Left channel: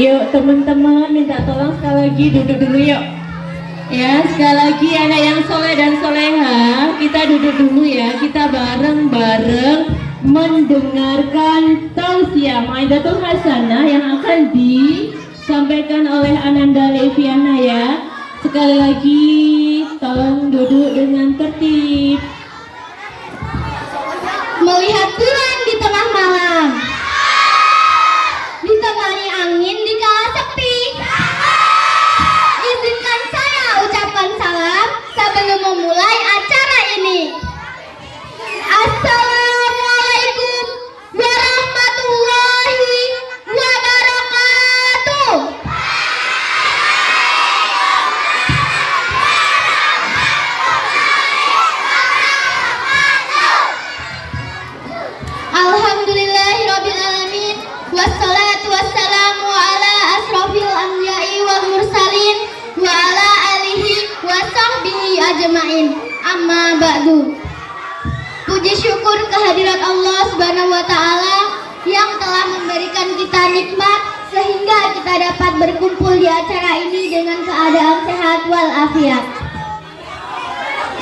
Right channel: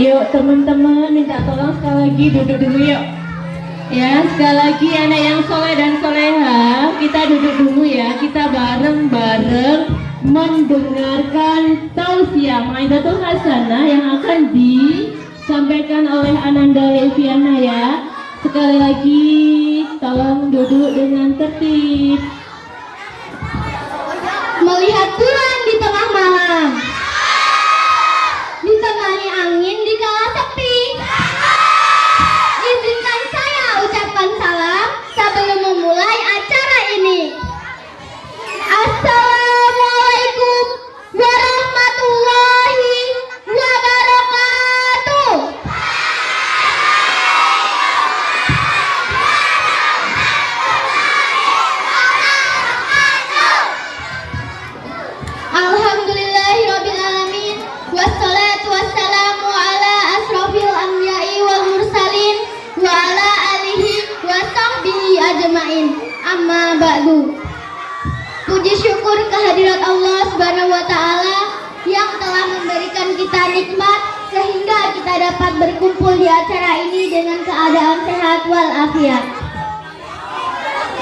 Yuk teman-teman minta tolong sekali lagi duduk dulu yuk. Ya, sekali lagi anak yang soleh dan soleha, kita duduk dulu ya. Kita bareng-bareng mendengarkan tausiah Maidatul Hasanah yang akan disampaikan oleh Ananda Leviana ya. Sekali lagi tolong duduk dengan tertib. Melihat bulan di tengah malam, ditemani angin di kala sepi. Izinkan saya ucapkan salam sebelum memulai acara ini. Assalamualaikum warahmatullahi wabarakatuh. Alhamdulillahirrabbilalamin. Wassalatu wassalamu ala asrafil anbiya'i wal mursalin wa ala alihi wa sahbihi ajma'in. Amma ba'du. Puji syukur kehadirat Allah Subhanahu wa ta'ala yang telah memberikan kita nikmat sehingga kita dapat berkumpul di acara ini dengan keadaan sehat walafiat.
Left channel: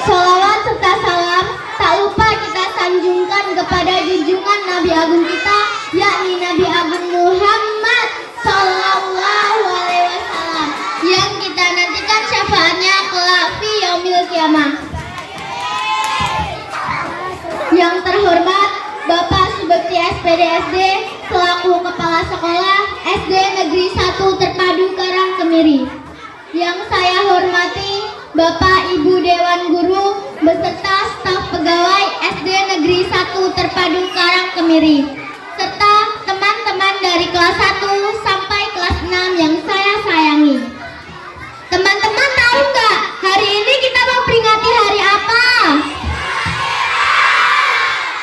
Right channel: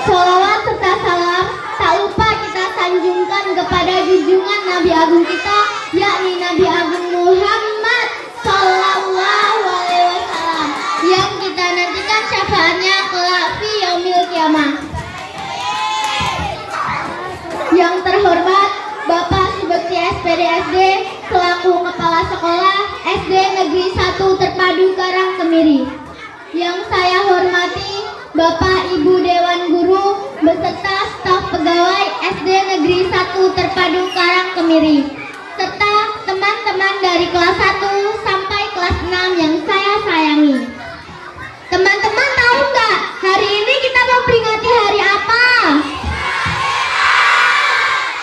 Sholawat serta salam tak lupa kita sanjungkan kepada junjungan Nabi Agung kita, yakni Nabi Agung Muhammad Sallallahu Alaihi Wasallam, yang kita nantikan syafaatnya kelak fi yaumil kiamah. Yang terhormat Bapak Subekti SPD SD selaku Kepala Sekolah SD Negeri 1 Terpadu Karang Kemiri. Yang saya hormati Bapak Ibu Dewan Guru beserta staf pegawai SD Negeri 1 Terpadu Karang Kemiri, serta teman-teman dari kelas 1 sampai kelas 6 yang saya sayangi. Teman-teman tahu nggak hari ini kita memperingati hari apa?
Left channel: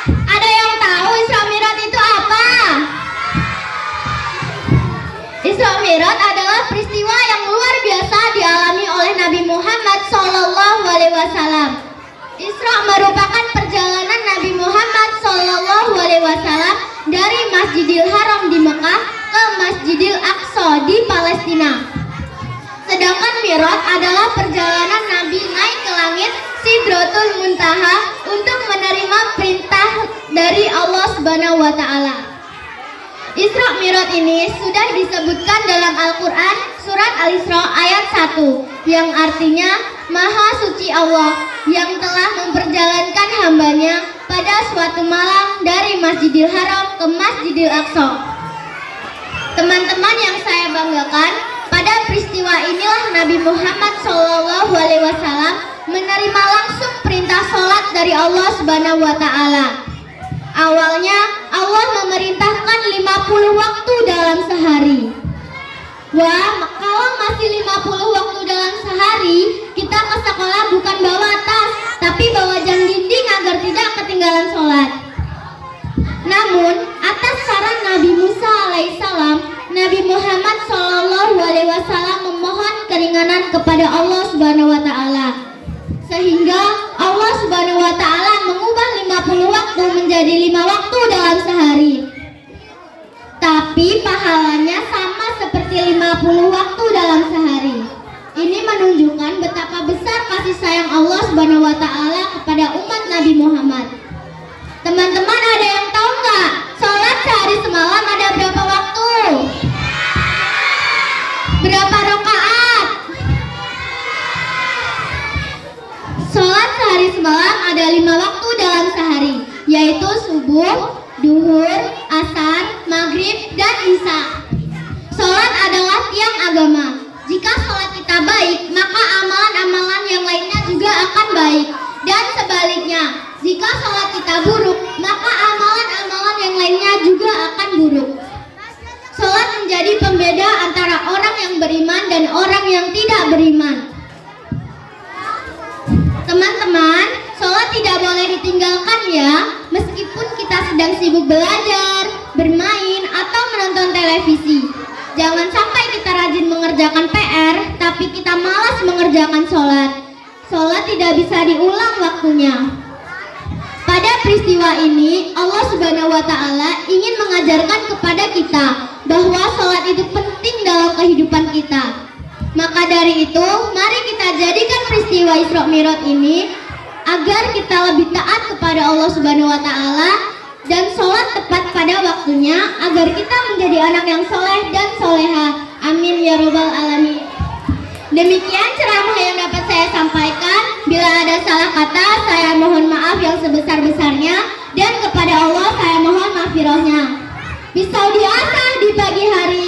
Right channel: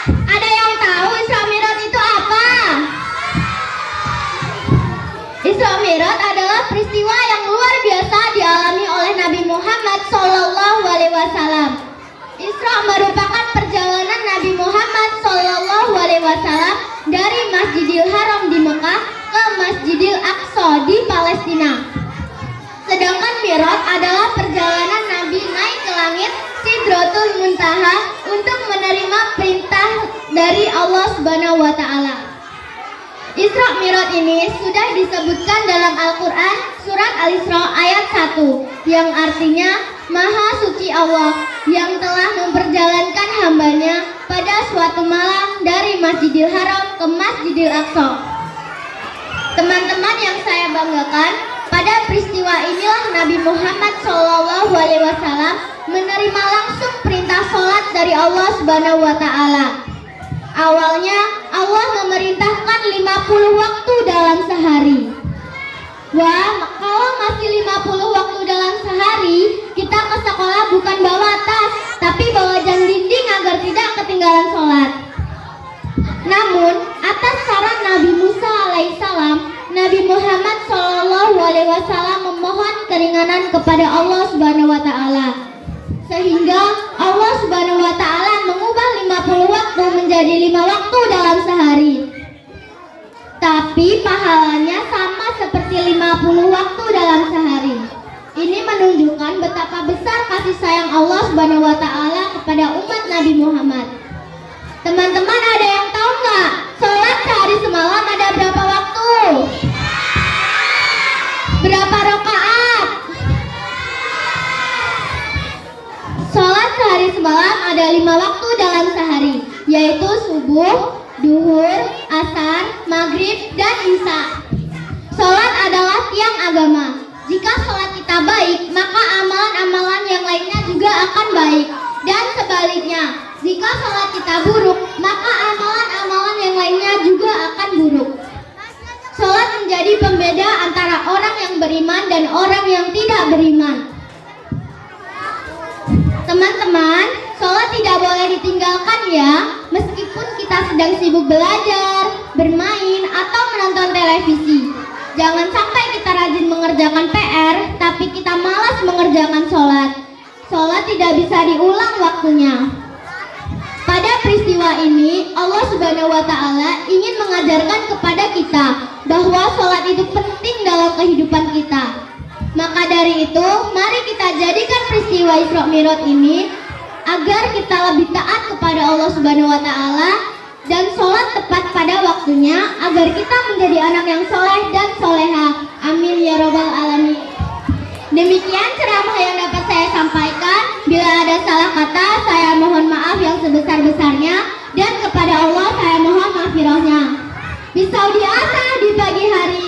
Ada yang tahu Isra Mi'raj itu apa? Isra Mi'raj adalah peristiwa yang luar biasa dialami oleh Nabi Muhammad Sallallahu Alaihi Wasallam. Isra merupakan perjalanan Nabi Muhammad Sallallahu Alaihi Wasallam dari Masjidil Haram di Mekah ke Masjidil Aqsa di Palestina. Sedangkan Mi'raj adalah perjalanan Nabi naik ke langit Sidratul Muntaha untuk menerima perintah dari Allah Subhanahu wa taala. Isra Mi'raj ini sudah disebutkan dalam Al-Quran surat Al-Isra ayat 1 yang artinya Maha Suci Allah yang telah memperjalankan hambanya pada suatu malam dari Masjidil Haram ke Masjidil Aqsa. Teman-teman yang saya banggakan, pada peristiwa inilah Nabi Muhammad SAW menerima langsung perintah sholat dari Allah Subhanahu wa taala. Awalnya Allah memerintahkan 50 waktu dalam sehari. Wah, kalau masih 50 waktu dalam sehari, kita ke sekolah bukan bawa tas, tapi bawa jam dinding agar tidak ketinggalan sholat. Namun, atas saran Nabi Musa alaihissalam, Nabi Muhammad SAW memohon keringanan kepada Allah Subhanahu wa taala. Sehingga Allah Subhanahu wa taala mengubah 50 waktu menjadi 5 waktu dalam sehari. Tapi pahalanya sama seperti 50 waktu dalam sehari. Ini menunjukkan betapa besar kasih sayang Allah Subhanahu wa taala kepada umat Nabi Muhammad. Teman-teman ada yang tahu nggak? Sholat sehari semalam ada berapa waktu? Berapa rakaat? Sholat sehari semalam ada 5 waktu dalam sehari, yaitu subuh, duhur, asar, maghrib, dan isya. Sholat adalah tiang agama. Jika sholat kita baik, maka amalan-amalan yang lainnya juga akan baik. Dan sebaliknya, jika sholat kita buruk, maka amalan-amalan yang lainnya juga akan buruk. Sholat menjadi pembeda antara orang yang beriman dan orang yang tidak beriman. Teman-teman, sholat tidak boleh ditinggalkan ya, meskipun kita sedang sibuk belajar, bermain, atau menonton televisi. Jangan sampai kita rajin mengerjakan PR, tapi kita malas mengerjakan sholat. Sholat tidak bisa diulang waktunya. Pada peristiwa ini Allah Subhanahu wa taala ingin mengajarkan kepada kita bahwa sholat itu penting dalam kehidupan kita. Maka dari itu, mari kita jadikan peristiwa Isra Mi'raj ini agar kita lebih taat kepada Allah Subhanahu wa taala dan sholat tepat pada waktunya agar kita menjadi anak yang soleh dan soleha. Amin ya robbal alamin. Demikian ceramah yang dapat saya sampaikan. Bila ada salah kata, saya mohon maaf yang sebesar-besarnya, dan kepada Allah saya mohon maghfirahnya. Misal di asa di pagi hari